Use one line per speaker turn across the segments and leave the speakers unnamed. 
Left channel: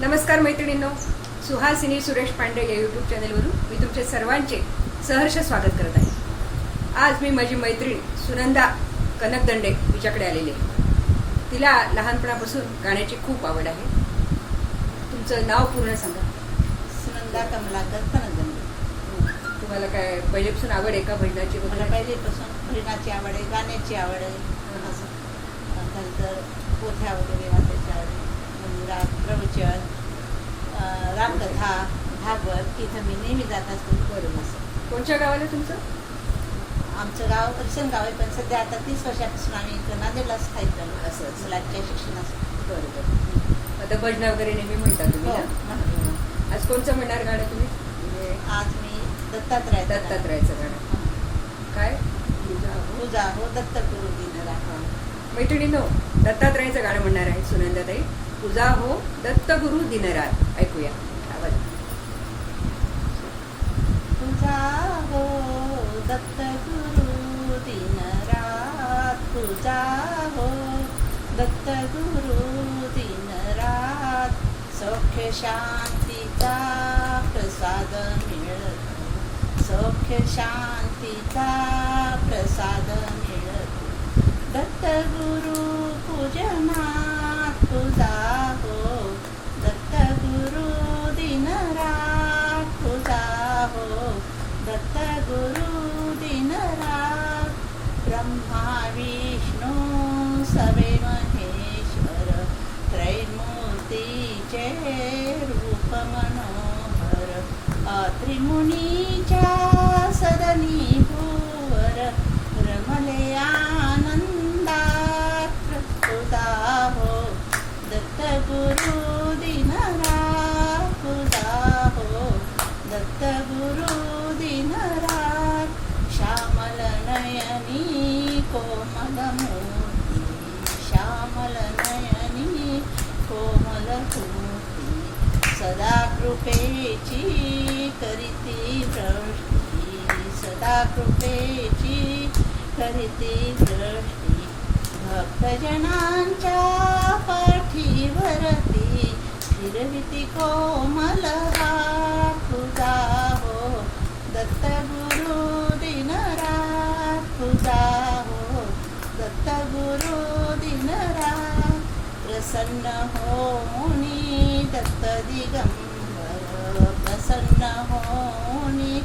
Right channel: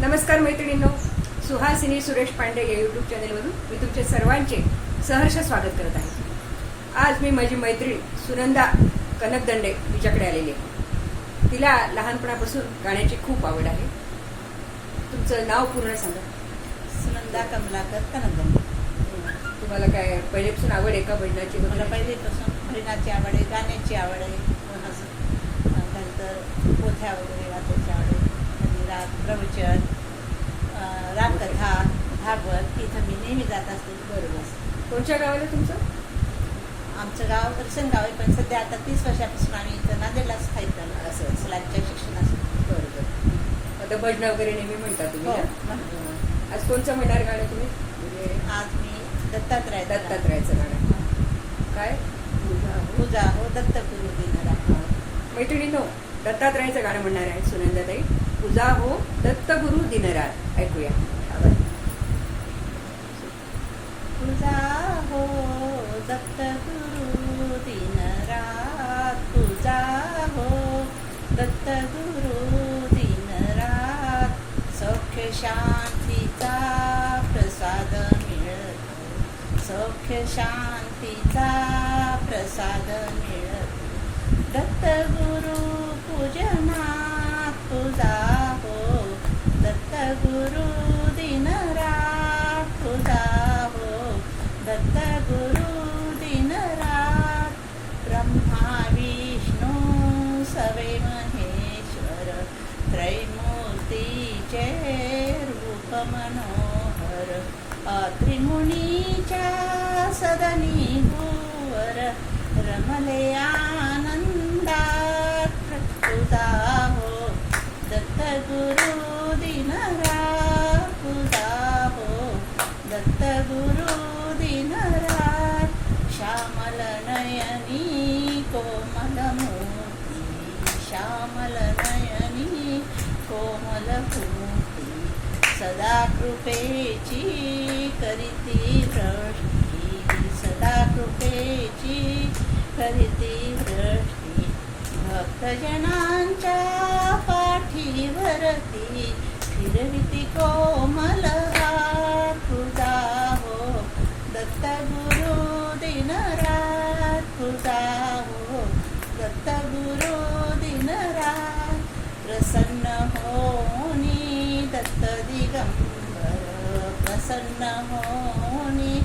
नमस्कार मैत्रिणींनो सुहासिनी सुरेश पांडे या युट्यूब चॅनेलवरून मी तुमचे सर्वांचे सहर्ष स्वागत करत आहे. आज मी माझी मैत्रीण सुनंदा कनकदंडे तिच्याकडे आलेली आहे. तिला लहानपणापासून गाण्याची खूप आवड आहे. तुमचं नाव पूर्ण सांगा.
सुनंदा कमलाकर कनगंदी
तुम्हाला काय पहिल्यापासून आवड आहे का भजनाची
मला पहिलेपासून भजनाची आवड आहे गाण्याची आवड आहे. नंतर पोथ्या वगैरे मंदिरात प्रवचन रामकथा भागवत इथं मी नेहमी जात असते
बरोबर.
असं
कोणत्या गावाला तुमचं
आमचं गाव गाव आहे पण सध्या आता तीस वर्षापासून आम्ही इथं नांदेडला स्थायिक झालो
असं.
मुलांच्या शिक्षणासाठी
बरोबर आता भजन वगैरे नेहमी म्हणता तुम्ही
हो,
ना? आज कोणचं म्हणणार गाणं तुम्ही म्हणजे
आज मी दत्तात्रय
दत्तात्रयाचं गाणं काय तुझा हो.
पूजा हो दत्त गुरु दिनरा
हा. मैत्रिणींनो दत्तात्रयाचं गाणं म्हणणार आहे सुनंदाताई. तुझा हो दत्त गुरु दिनरात. ऐकूया. आवाज
तुझा हो दत्त गुरु दिनरात. तुझा हो दत्त गुरु दिनरात. सौख्य शांतीचा प्रसाद मिळतो. सौख्य शांतीचा प्रसाद मिळतो दत्त गुरु पूजनात तुझा हो दत्त गुरु दिनरात तुझा हो दत्त गुरु दिनरात ब्रह्मा विष्णू सवे महेश्वर त्रैमूर्तीचे रूप मनोहर त्रिमुनीच्या सदनी भूवर रमलया गुरु दिनरा तुझा हो दत्त गुरु दिनरात श्यामल नयनी कोमल मूर्ती श्यामल नयनी कोमल मूर्ती सदा कृपेची करीती वृष्टी सदा कृपेची करीती दृष्टी भक्तजनांच्या पाठीवरती फिरविती कोमल हात तुझा हो. दत्त गुरु दिनरात तुझा हो. दत्त गुरु दिनरात प्रसन्न होनी दत्त दिगंबर. प्रसन्न होनी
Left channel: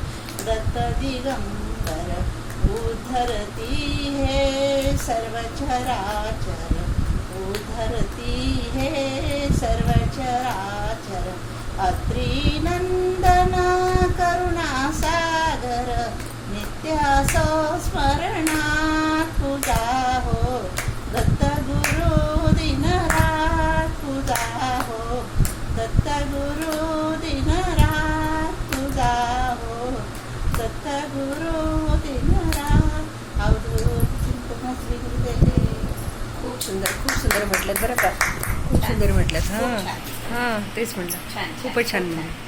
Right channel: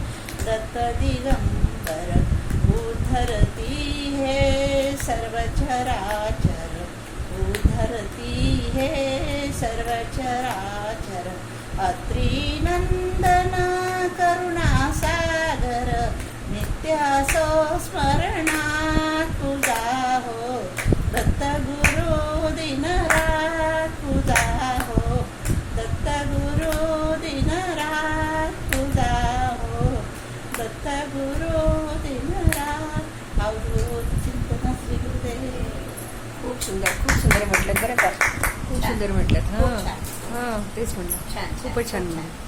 दत्त दिगंबर. उद्धरती हे सर्व चराचर धरती हे सर्वचराचर. अत्रिनंदन करुणासागर नित्यासो स्मरणात् पूजा हो. दत्त गुरु दिनरात पूजा हो. दत्त गुरु दिनरात पूजा हो. दत्त गुरु दिनरात. अवधूत चिंतन श्री गुरुदेव.
खूप सुंदर खूप सुंदर म्हटलं बरं का खूप सुंदर म्हटलं हां. हां तेच म्हटलं. खूपच छान म्हणलं